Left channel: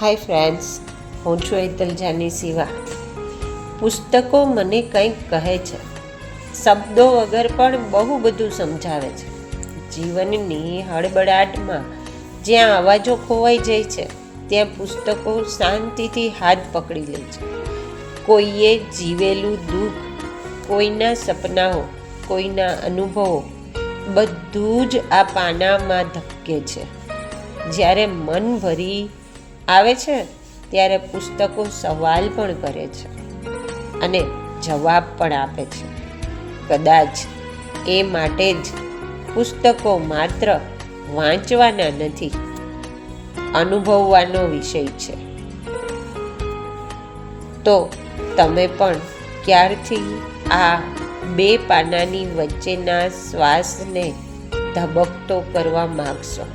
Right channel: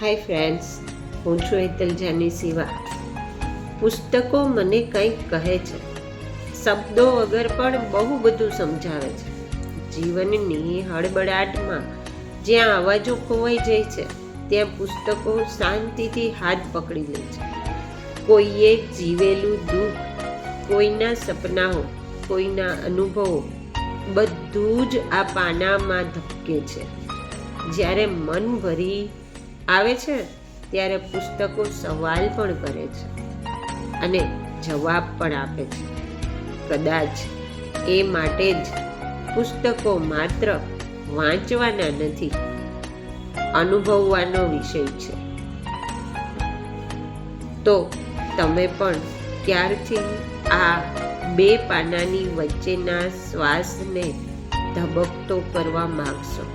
Hi friends, હું છું હેતલ જાની સિવા. પુસ્તકો મને કંઈક કહે છે, શબ્દો વગર પણ બહુ બધું સમજાવે છે. જીવનની હળબળાટમાં જ્યાં અવાજો ખોવાઈ જાય છે, ત્યાં પુસ્તકો શાંતિથી હાથ પકડી લે છે. કોઈએ જીવેલું દુઃખ, કોઈના સપનાઓ, કોઈના અનુભવો, બધું જ આ પાનામાં ધબકે છે. જ્યારે મન ભરી આવે છે ત્યારે પુસ્તકો સવાલ પણ કરે છે અને જવાબ પણ આપે છે. કદાચ એ માટે જ પુસ્તકો માત્ર વાંચવાના નથી, અનુભવવાનો વિષય છે. તો તમે પણ ક્યારથી આ બે પાનાની વચ્ચેના શ્વાસને ધબકતો કરવા માગશો?